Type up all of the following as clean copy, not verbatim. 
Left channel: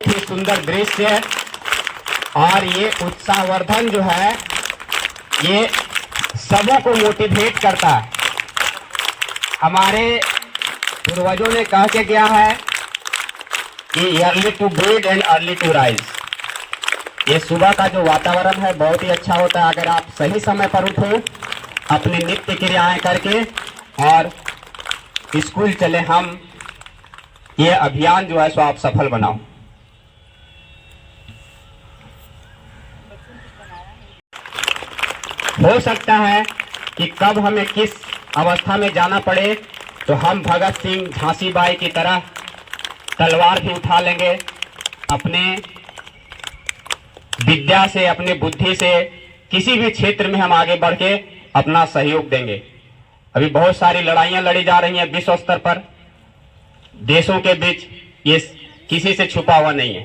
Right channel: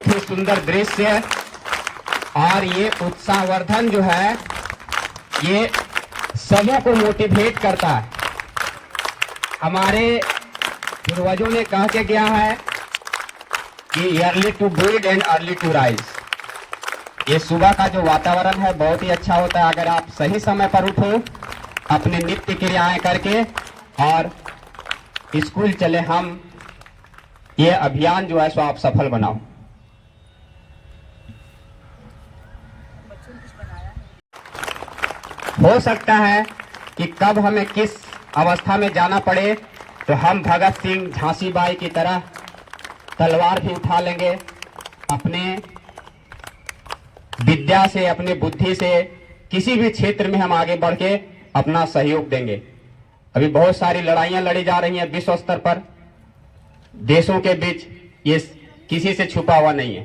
ही सुंदर दृश्य और ये उत्साहवर्धन जो है ये सबों को मोटिवेट करता है। हमारे पूर्वजों ने कह के गया है कि early to bed and early to rise. ये सुबह का जो वातावरण है बहुत ही अच्छा होता है अगर आप सही समय पर उठो, अपनी नित्य क्रियाएं करके और स्कूल चले। हम ये अभियान जो है सो आप सफल बनाओ। हो सकता है कि कब हमें किस अवस्था में जाना पड़े तो हम भगत सिंह, झांसी बाई की तरह तलवार भी उठा लेंगे, अपने विद्या से, अपने बुद्धि से किसी भी क्षेत्र में हम आगे बढ़ के अपना सहयोग देंगे। अभी बहुत सारी लड़ाइयां लड़ी जा रही हैं विश्व स्तर पर, देशों के बीच, ये किसी से छुपा हुआ नहीं है।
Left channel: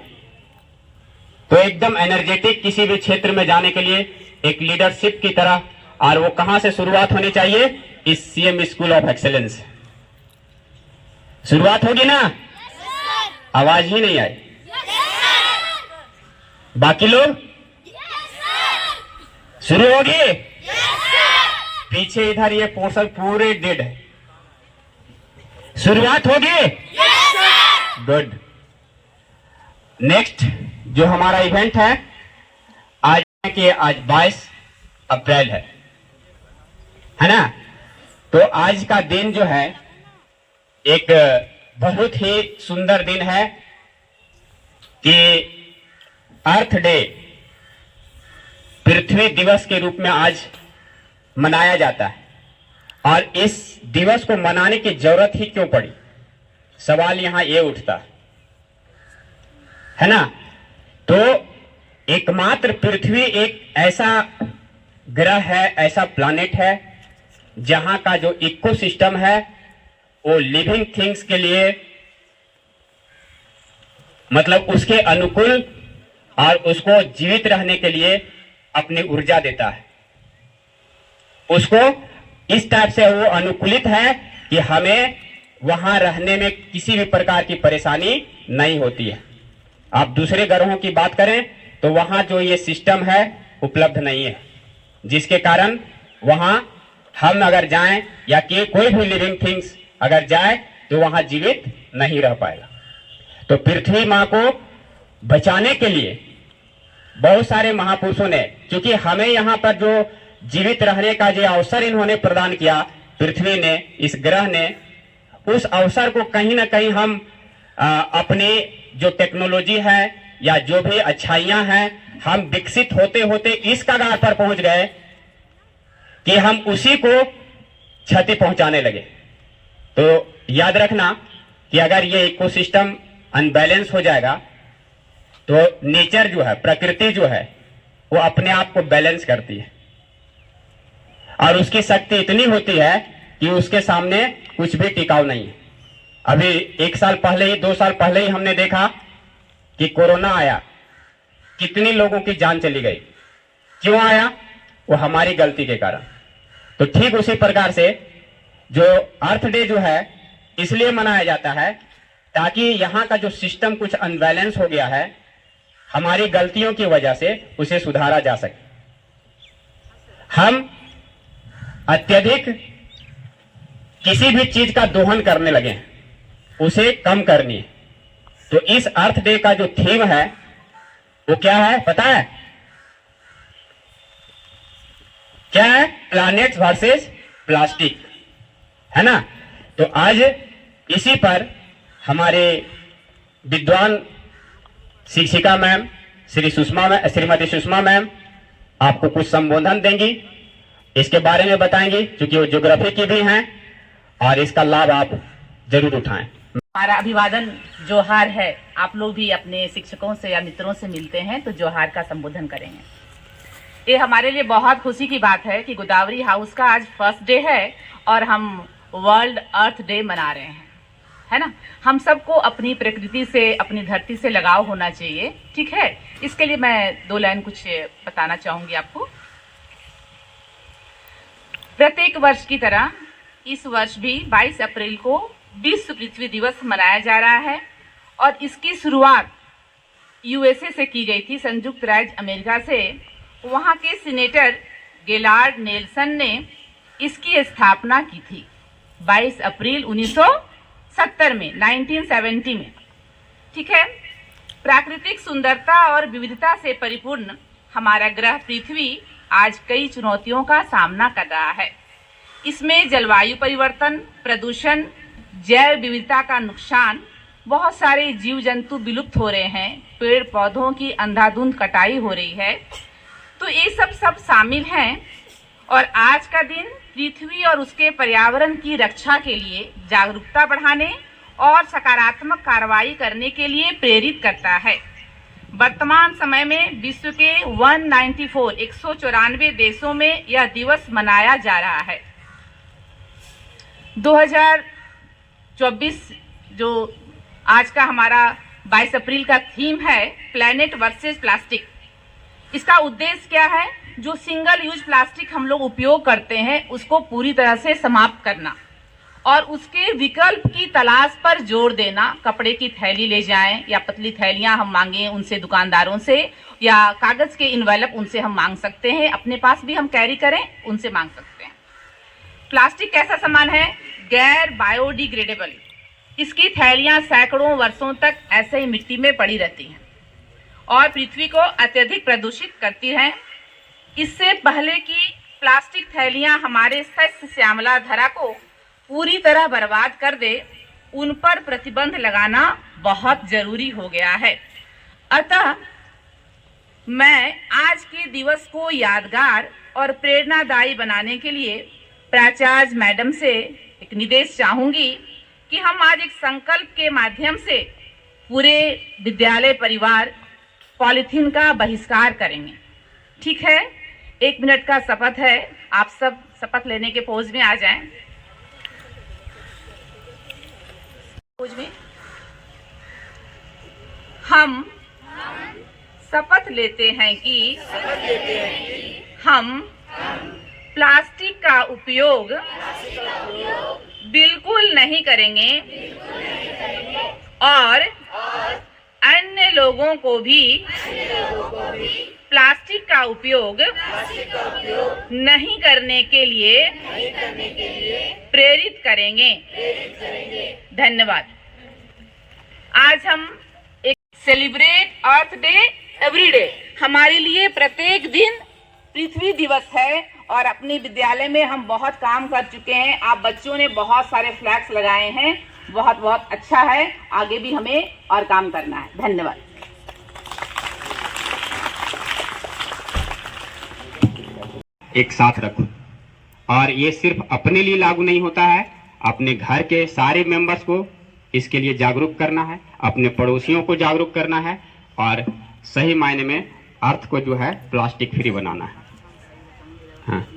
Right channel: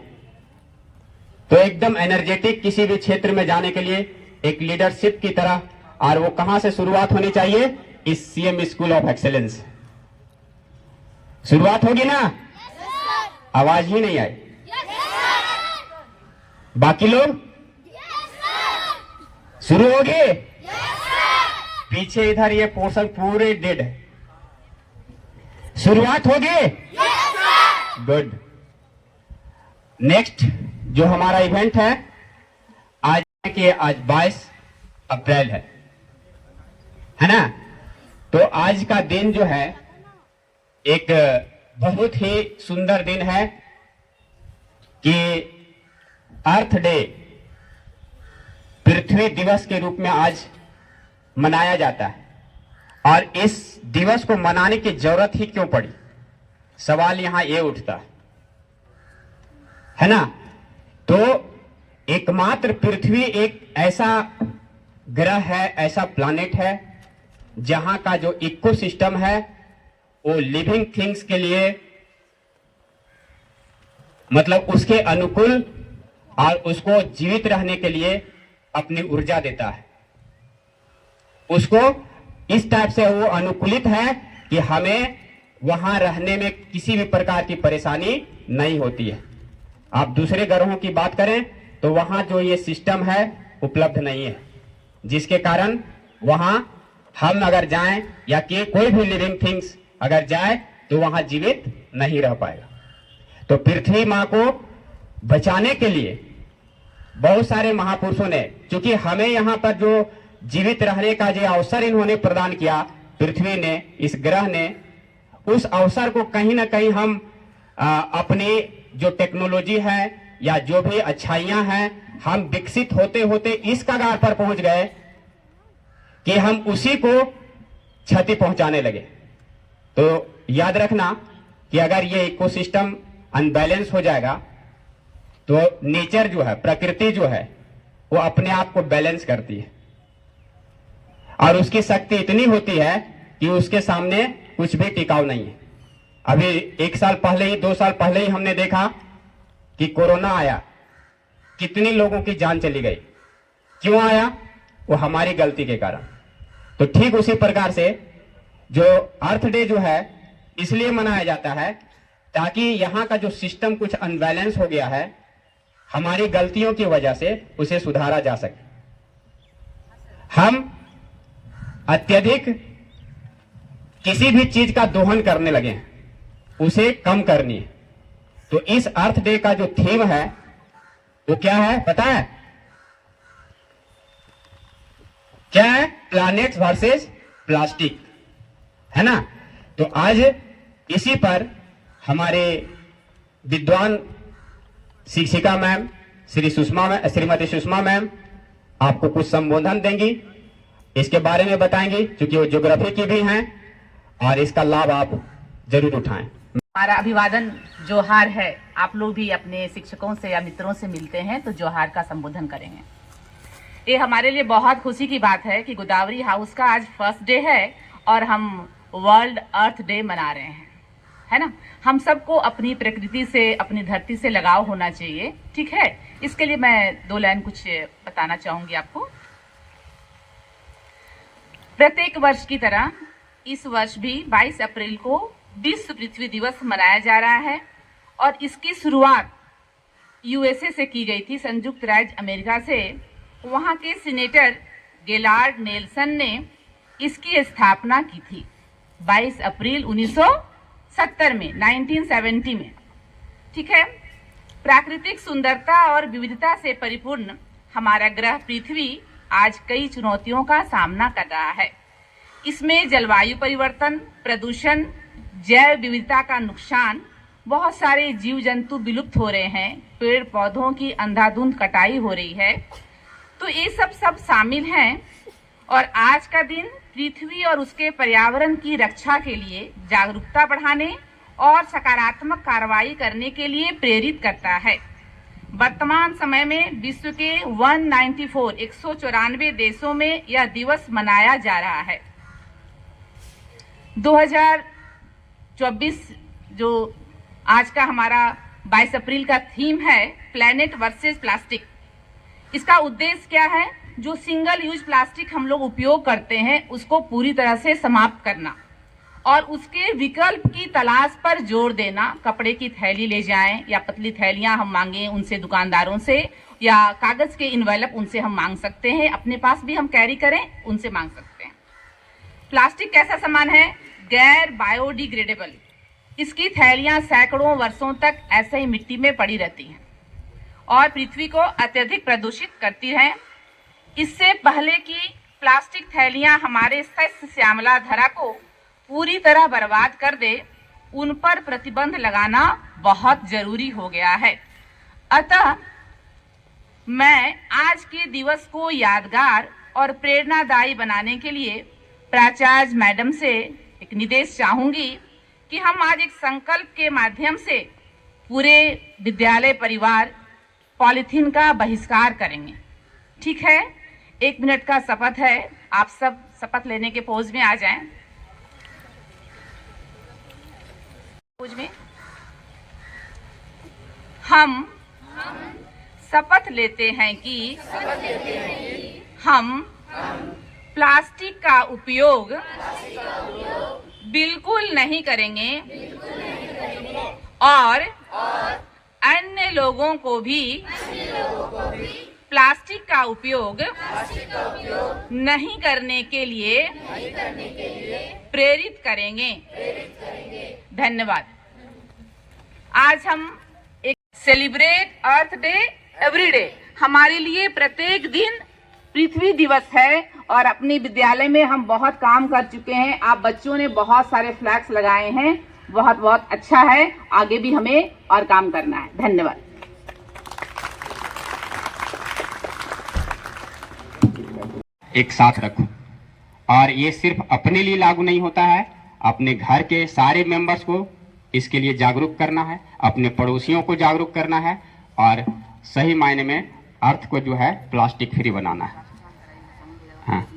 तो एकदम एनर्जेटिक किसी भी क्षेत्र में जाने के लिए एक लीडरशिप की तरह, और वो कहां से शुरुआत होनी चाहिए? इस सीएम स्कूल ऑफ एक्सेलेंस शुरुआत होगी ना? आवाज ही नहीं आई। बाकी लोग शुरू होगी? पीछे इधर ये पोर्शन पूरे डेड है। शुरुआत होगी? गुड। नेक्स्ट जो हमारा इवेंट है आज कि आज 22 अप्रैल है ना? तो आज का दिन जो है एक बहुत ही सुंदर दिन है कि अर्थ डे, पृथ्वी दिवस के रूप में आज मनाया जाता है। और इस दिवस को मनाने की जरूरत ही क्यों पड़ी? सवाल यहां ये उठता है ना? तो एकमात्र पृथ्वी एक ऐसा ग्रह है, ऐसा प्लैनेट है जहां का जो इकोसिस्टम है वो लिविंग थिंग्स के लिए, मतलब उसके अनुकूल और उसको जीवित रहने के लिए अपनी ऊर्जा देता है। उसको इस टाइप से वो अनुकूलित है कि हमें वहां रहने में किसी भी प्रकार की परेशानी नहीं होती है। आप दूसरे ग्रहों की बात करें तो वहां जो ये सिस्टम है उपलब्ध नहीं है, जिसके कारण वहां हम अगर जाएं या कि कोई भी लिविंग थिंग्स अगर जाए तो वहां जीवित नहीं रह पाएगा। तो पृथ्वी मां को बचाने के लिए बहुत सारे महापुरुषों ने, क्योंकि हमें यहाँ पर जो जीवित रहने का जो अवसर इन्होंने प्रदान किया, पृथ्वी ने, इस ग्रह ने, उस अवसर को कहीं ना कहीं हम अपनी जो टेक्नोलॉजी है या जो भी अच्छाइयां हैं, हम विकसित होते होते इस कगार पर पहुंच गए कि हम उसी को क्षति पहुंचाने लगे। तो याद रखना कि अगर ये इकोसिस्टम अनबैलेंस हो जाएगा तो नेचर जो है, प्रकृति जो है, वो अपने आप को बैलेंस करती है और उसकी शक्ति इतनी होती है कि उसके सामने कुछ भी टिकाऊ नहीं है। अभी 1 साल पहले ही, 2 साल पहले ही हमने देखा कि कोरोना आया, कितनी लोगों की जान चली गई। क्यों आया? वो हमारी गलती के कारण। तो ठीक उसी प्रकार से जो अर्थ डे जो है इसलिए मनाया जाता है ताकि यहाँ का जो सिस्टम कुछ अनबैलेंस हो गया है, हमारी गलतियों की वजह से उसे सुधारा जा सके। हम अत्यधिक किसी भी चीज का दोहन करने लगे हैं, उसे कम करनी है। तो इस अर्थ डे का जो थीम है वो क्या है पता है? क्या है? प्लैनेट्स वर्सेस प्लास्टिक, है ना? तो आज इसी पर हमारे विद्वान शिक्षिका मैम श्रीमती सुषमा मैम आपको कुछ संबोधन देंगी, इसके बारे में बताएंगी, क्योंकि वो ज्योग्राफी की भी हैं और इसका लाभ आप जरूर उठाएं। हमारा अभिवादन जोहार है। आप लोग भी अपने शिक्षकों से या मित्रों से मिलते हैं तो जोहार का संबोधन करेंगे। ये हमारे लिए बहुत खुशी की बात है कि गोदावरी हाउस का आज फर्स्ट डे है और हम वर्ल्ड अर्थ डे मना रहे हैं, है ना? हम सबको अपनी प्रकृति से, अपनी धरती से लगाव होना चाहिए, ठीक है? इसके लिए मैं 2 लाइन कुछ बताना चाहूंगी आपको। प्रत्येक वर्ष की तरह इस वर्ष भी 22 अप्रैल को विश्व पृथ्वी दिवस मनाया जा रहा है और इसकी शुरुआत यूएसए से की गई थी, संयुक्त राज्य अमेरिका से। वहाँ के सीनेटर गेलार्ड नेल्सन ने इसकी स्थापना की थी 22 अप्रैल 1970 में, 1970 में। ठीक है। प्राकृतिक सुंदरता और विविधता से परिपूर्ण हमारा ग्रह पृथ्वी आज कई चुनौतियों का सामना कर रहा है। इसमें जलवायु परिवर्तन, प्रदूषण, जैव विविधता का नुकसान, बहुत सारे जीव जंतु विलुप्त हो रहे हैं, पेड़ पौधों की अंधाधुंध कटाई हो रही है। तो ये सब शामिल हैं और आज का दिन पृथ्वी और उसके पर्यावरण की रक्षा के लिए जागरूकता बढ़ाने और सकारात्मक कार्रवाई करने के लिए प्रेरित करता है। वर्तमान समय में विश्व के 194 देशों में यह दिवस मनाया जा रहा है। 2024 जो आज का हमारा 22 अप्रैल का थीम है, प्लेनेट वर्सेस प्लास्टिक। इसका उद्देश्य क्या है? जो सिंगल यूज प्लास्टिक हम लोग उपयोग करते हैं उसको पूरी तरह से समाप्त करना और उसके विकल्प की तलाश पर जोर देना। कपड़े की थैली ले जाएं या पतली थैलियां हम मांगें उनसे, दुकानदारों से, या कागज के इन्वेलप उनसे हम मांग सकते हैं, अपने पास भी हम कैरी करें, उनसे मांग सकते हैं। प्लास्टिक कैसा सामान है? गैर बायोडिग्रेडेबल। इसकी थैलियां सैकड़ों वर्षों तक ऐसे ही मिट्टी में पड़ी रहती हैं और पृथ्वी को अत्यधिक प्रदूषित करती हैं। इससे पहले कि प्लास्टिक थैलियां हमारे सस्य श्यामला धरा को पूरी तरह बर्बाद कर दे, उन पर प्रतिबंध लगाना बहुत जरूरी हो गया है। अतः मैं आज के दिवस को यादगार और प्रेरणादायी बनाने के लिए प्राचार्य मैडम से एक निर्देश चाहूंगी कि हम आज एक संकल्प के माध्यम से पूरे विद्यालय परिवार पॉलीथीन का बहिष्कार करेंगे। ठीक है? 1 मिनट का शपथ है। आप सब शपथ लेने के पोज में आ जाएं। पोज में हम शपथ लेते हैं कि हम प्लास्टिक का उपयोग बिल्कुल नहीं करेंगे और अन्य लोगों को भी प्लास्टिक का उपयोग नहीं करने के लिए प्रेरित करेंगे। धन्यवाद। आज हम एक सेलिब्रेट अर्थ डे एवरी डे, हमारे लिए प्रत्येक दिन पृथ्वी दिवस है और अपने विद्यालय में हम बहुत काम कर चुके हैं। आप बच्चों ने बहुत सारे फ्लैग्स लगाए हैं, बहुत बहुत अच्छा है। आगे भी हमें और काम करना है। धन्यवाद। एक साथ रखो। और ये सिर्फ अपने लिए लागू नहीं होता है, अपने घर के सारे मेंबर्स को इसके लिए जागरूक करना है, अपने पड़ोसियों को जागरूक करना है और सही मायने में अर्थ को जो है प्लास्टिक फ्री बनाना है। हाँ।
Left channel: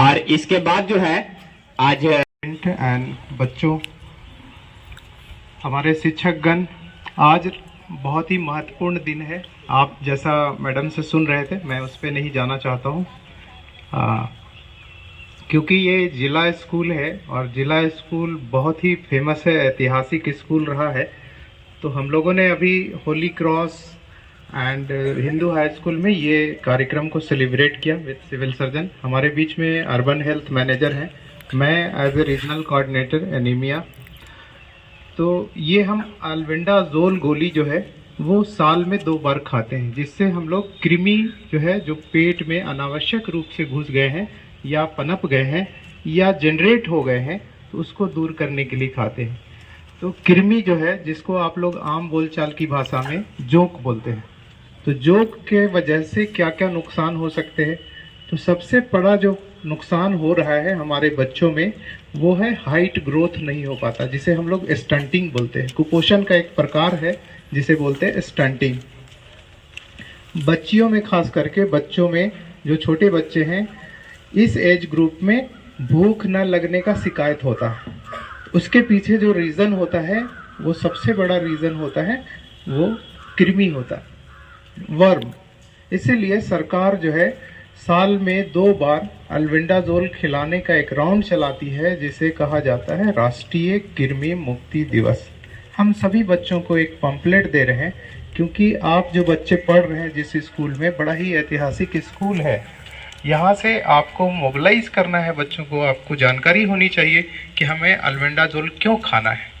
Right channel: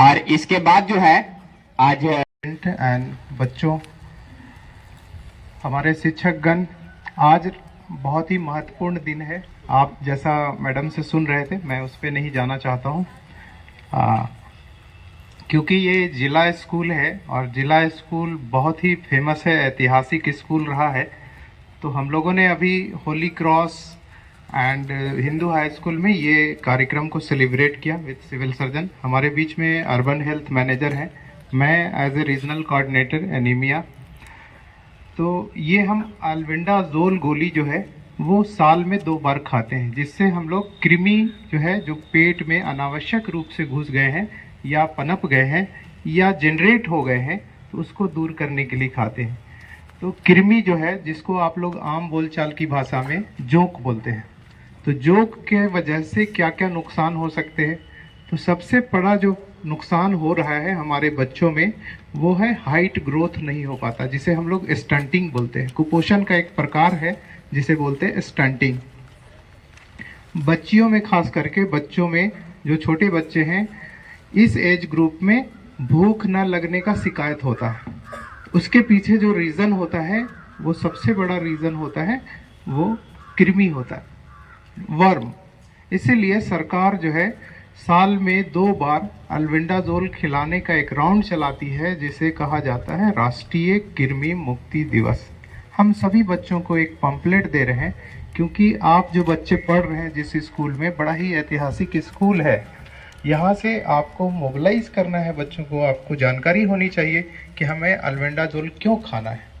और इसके बाद जो है आज एंड बच्चों, हमारे शिक्षकगण, आज बहुत ही महत्वपूर्ण दिन है। आप जैसा मैडम से सुन रहे थे, मैं उस पर नहीं जाना चाहता हूँ क्योंकि ये जिला स्कूल है और जिला स्कूल बहुत ही फेमस है, ऐतिहासिक स्कूल रहा है। तो हम लोगों ने अभी Holi cross and Hindu high school में ये कार्यक्रम को सेलिब्रेट किया विद सिविल सर्जन। हमारे बीच में अर्बन हेल्थ मैनेजर हैं, मैं as a regional coordinator anaemia. तो ये हम अल्बेंडाजोल गोली जो है वो साल में 2 बार खाते हैं, जिससे हम लोग कृमि जो है जो पेट में अनावश्यक रूप से घुस गए हैं या पनप गए हैं या जनरेट हो गए हैं, तो उसको दूर करने के लिए खाते हैं। तो कृमि जो है, जिसको आप लोग आम बोलचाल की भाषा में जोंक बोलते हैं, तो जोंक के वजह से क्या क्या नुकसान हो सकते हैं। तो सबसे बड़ा जो नुकसान हो रहा है हमारे बच्चों में वो है हाइट ग्रोथ नहीं हो पाता, जिसे हम लोग स्टंटिंग बोलते हैं। कुपोषण का एक प्रकार है जिसे बोलते हैं स्टंटिंग। बच्चियों में, खास करके बच्चों में, जो छोटे बच्चे हैं इस एज ग्रुप में भूख न लगने का शिकायत होता है। उसके पीछे जो रीज़न होता है वो सबसे बड़ा रीज़न होता है वो कृमि होता है, वर्म। इसीलिए सरकार जो है साल में 2 बार अल्बेंडाजोल खिलाने का एक राउंड चलाती है, जिसे कहा जाता है राष्ट्रीय कृमि मुक्ति दिवस। हम सभी बच्चों को एक पंपलेट दे रहे हैं क्योंकि आप जो बच्चे पढ़ रहे हैं जिस स्कूल में, बड़ा ही ऐतिहासिक स्कूल है। यहाँ से आपको मोबिलाइज करना है बच्चों को, आपको जानकारी होनी चाहिए कि हमें अल्बेंडाजोल क्यों खाना है।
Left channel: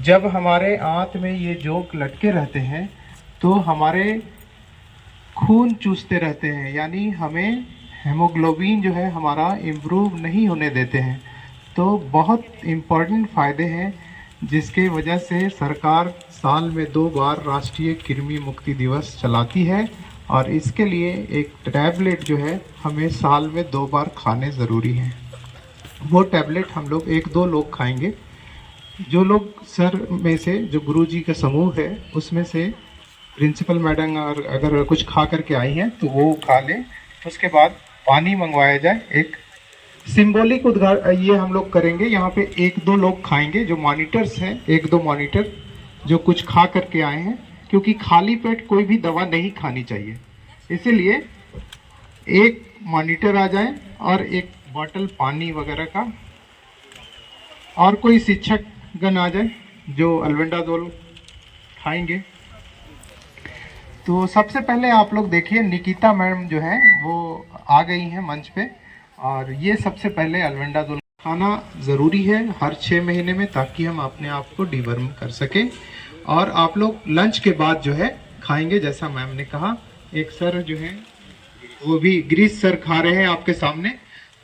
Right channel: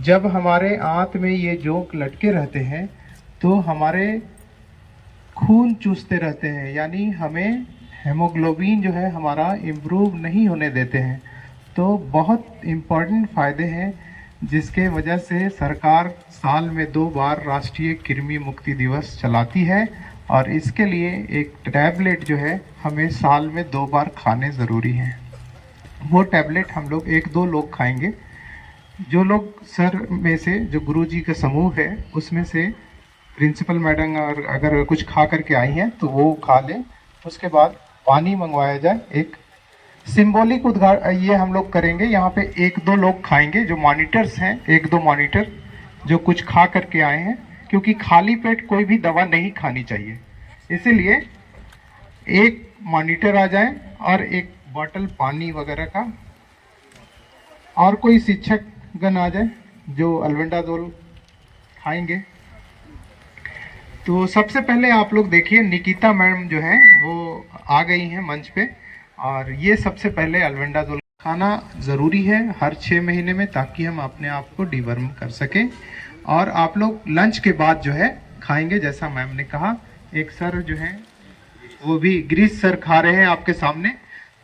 जब हमारे आंत में ये जोंक लटके रहते हैं तो हमारे खून चूसते रहते हैं, यानी हमें हेमोग्लोबिन जो है हमारा इम्प्रूव नहीं होने देते हैं। तो बहुत इम्पॉर्टेंट फ़ायदे हैं जिसके वजह से सरकार साल में 2 बार राष्ट्रीय कृमि मुक्ति दिवस चलाती है, और इसके लिए एक टैबलेट जो है हमें साल में 2 बार खाने ज़रूरी हैं। वो टैबलेट हम लोग 1-2 लोग खाएंगे। जो लोग सर में से, जो गुरुजी का समूह है उसमें से प्रिंसिपल मैडम और अगर कुछ खा करके आई हैं तो वो खा लें। उसके बाद पानी मंगवाया जाए। एक सिंबॉलिक उद्घाटन ये हम लोग करेंगे। यहाँ पे 1-2 लोग खाएंगे, जो मॉनिटर्स हैं, 1-2 मॉनिटर जो कुछ खा करके आए हैं, क्योंकि खाली पेट कोई भी दवा नहीं खानी चाहिए। इसीलिए एक मॉनिटर आ जाए और एक बॉटल पानी वगैरह का, और कोई शिक्षक गण आ जाए जो अल्बेंडाजोल खाएंगे। तो सबसे पहले आप लोग देखिए, निकिता मैम जो है वो आ गई हैं मंच पे, और ये सबसे पहले अल्बेंडाजोल खाना ज़रूरी है हर 6 महीने में, ताकि हम अपने आप को डिवर्म कर सकें। और आप लोग लंच के बाद जो है खाएंगे, जैसा मैम ने कहा। एक सर जो है वो भी ग्रीस सर खा रहे हैं आपके सामने,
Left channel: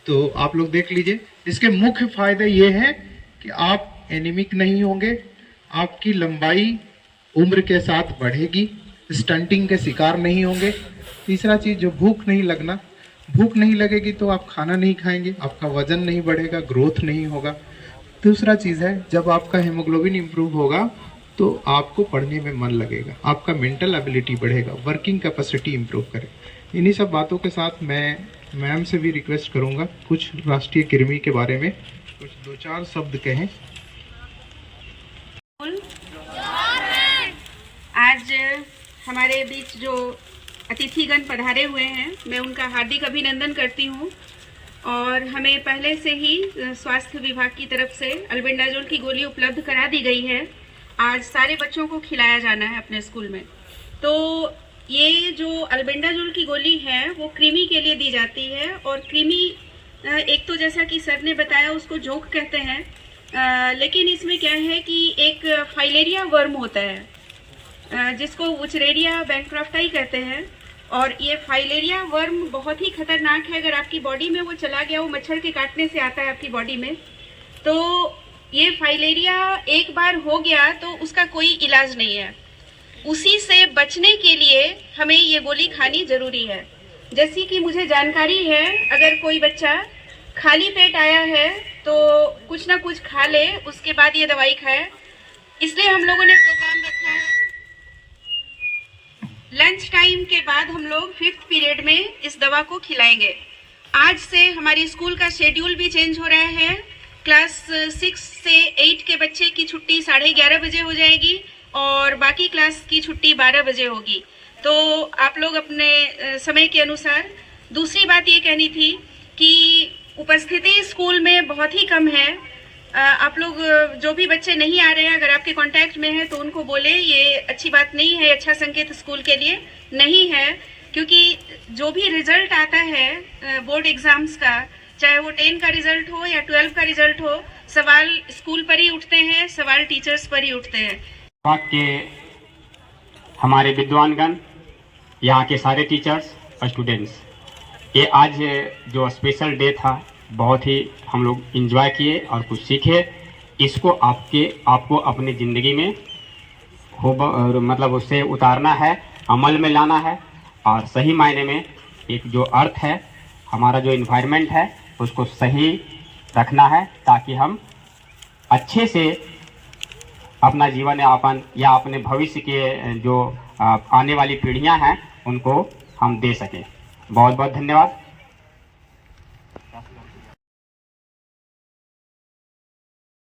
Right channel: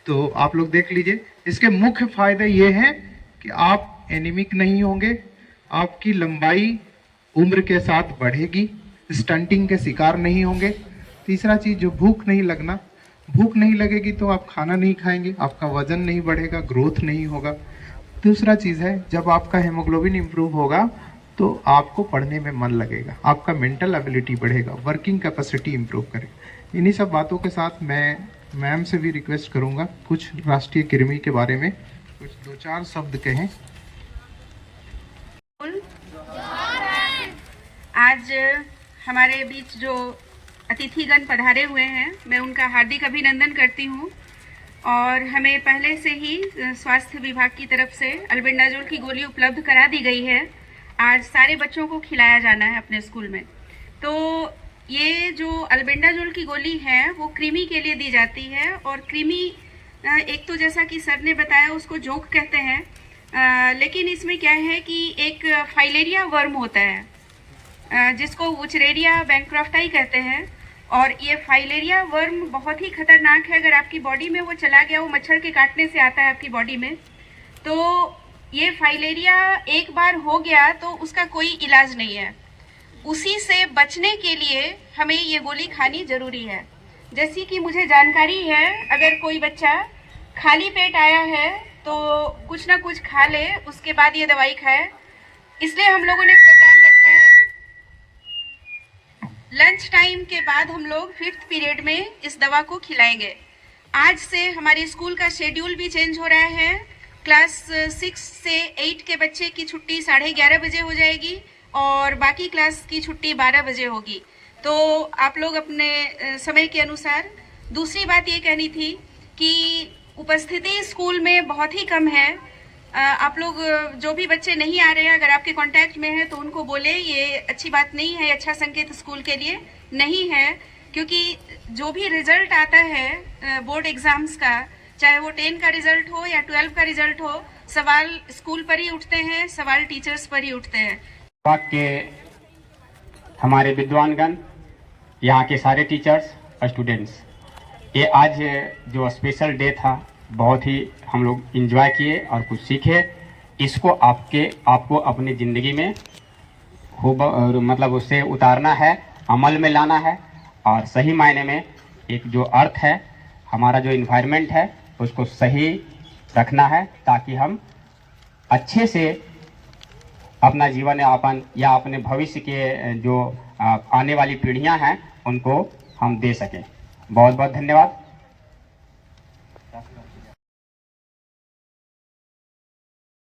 तो आप लोग देख लीजिए। इसके मुख्य फायदे ये हैं कि आप एनीमिक नहीं होंगे, आपकी लंबाई उम्र के साथ बढ़ेगी, स्टंटिंग के शिकार नहीं होंगे। तीसरा चीज़, जो भूख नहीं लगना, भूख नहीं लगेगी तो आप खाना नहीं खाएंगे, आपका वजन नहीं बढ़ेगा, ग्रोथ नहीं होगा। दूसरा चीज़ है, जब आपका हेमोग्लोबिन इम्प्रूव होगा तो आपको पढ़ने में मन लगेगा, आपका मेंटल एबिलिटी बढ़ेगा, वर्किंग कैपेसिटी इम्प्रूव करेगा। इन्हीं सब बातों के साथ मैं मैम से भी रिक्वेस्ट करूंगा कुछ राष्ट्रीय कृमि के बारे में कुछ 2-4 शब्द कहें। आज हमारे बीच जो अतिथिगण पधारे हुए हैं, मैं उनका हार्दिक अभिनंदन करती हूं। और हमें पहले से ही स्वास्थ्य विभाग की तरफ से अल्बेंडाजोल की गोली उपलब्ध करा दी गई है। आज सारे बच्चों को खिलाया जाना है अपने स्कूल में। तो ये जो अल्बेंडाजोल की गोली है वो कृमि के लिए दी जाती है। और कृमि एक तो जैसा कि सर ने बताया उसको जोंक कहते हैं, लेकिन इसमें क्या है कि एक फाइलेरिया वर्म होता है जिसको वुचरेरिया बैंक्राफ्टाई कहते हैं। और ये फाइलेरिया वर्म बहुत ही खतरनाक है। अगर आपकी बॉडी में वो चला गया, वो मच्छर के काटने से आता है आपकी बॉडी में, तो ये फाइलेरिया एक बार हो गया तो उसका कोई इलाज नहीं है। उसी से बचने के लिए हमें ये गोली खानी जरूरी है। जैसी कि मुझे जानकारी है, अगर कोई बच्चा खाली पेट आया है तो कुछ ना कुछ खा ले, उसके बाद ये दवाई खाए। इसलिए हम लोगों ने प्रोग्राम रखा है। लंच टाइम के बाद हम लोग 5th पीरियड में इस दवा को खिलाएंगे। आज से हमारे स्कूल का शेड्यूल भी चेंज हो रहा है। क्लास 6 से 8 के बच्चे की छुट्टी 11:30 बजे हो जाएगी और बाकी क्लास की छुट्टी 12 बजे होगी। तो आप लोग अपने समय के अनुसार। दूसरी बात ये कहनी थी कि उपस्थिति स्कूल में बहुत ही कम है। आप लोग जो भी बच्चे नहीं आ रहे हैं, अगर आपके कांटेक्ट में हैं तो उनको बोले, ये अच्छी बात नहीं है, अच्छा संकेत स्कूल के लिए नहीं है। क्योंकि जो भी रिजल्ट आता है बोर्ड एग्जाम्स का, चाहे वो 10 का रिजल्ट हो या 12 का रिजल्ट हो, सवाल स्कूल पर ही उठते हैं, सवाल टीचर्स पर ही उठते हैं। के हमारे विद्वानगण, यहाँ के सारे टीचर्स और स्टूडेंट्स, ये आज जो स्पेशल डे था बहुत ही हम लोग एंजॉय किए और कुछ सीखे। इसको आपको अपनी ज़िंदगी में मतलब उससे उतारना है, अमल में लाना है, और सही मायने में एक जो अर्थ है, हमारा जो इन्वायरमेंट है, उसको सही रखना है, ताकि हम अच्छे से अपना जीवन यापन या अपने भविष्य के जो आने वाली पीढ़ियां हैं उनको हम दे सकें। बहुत बहुत धन्यवाद।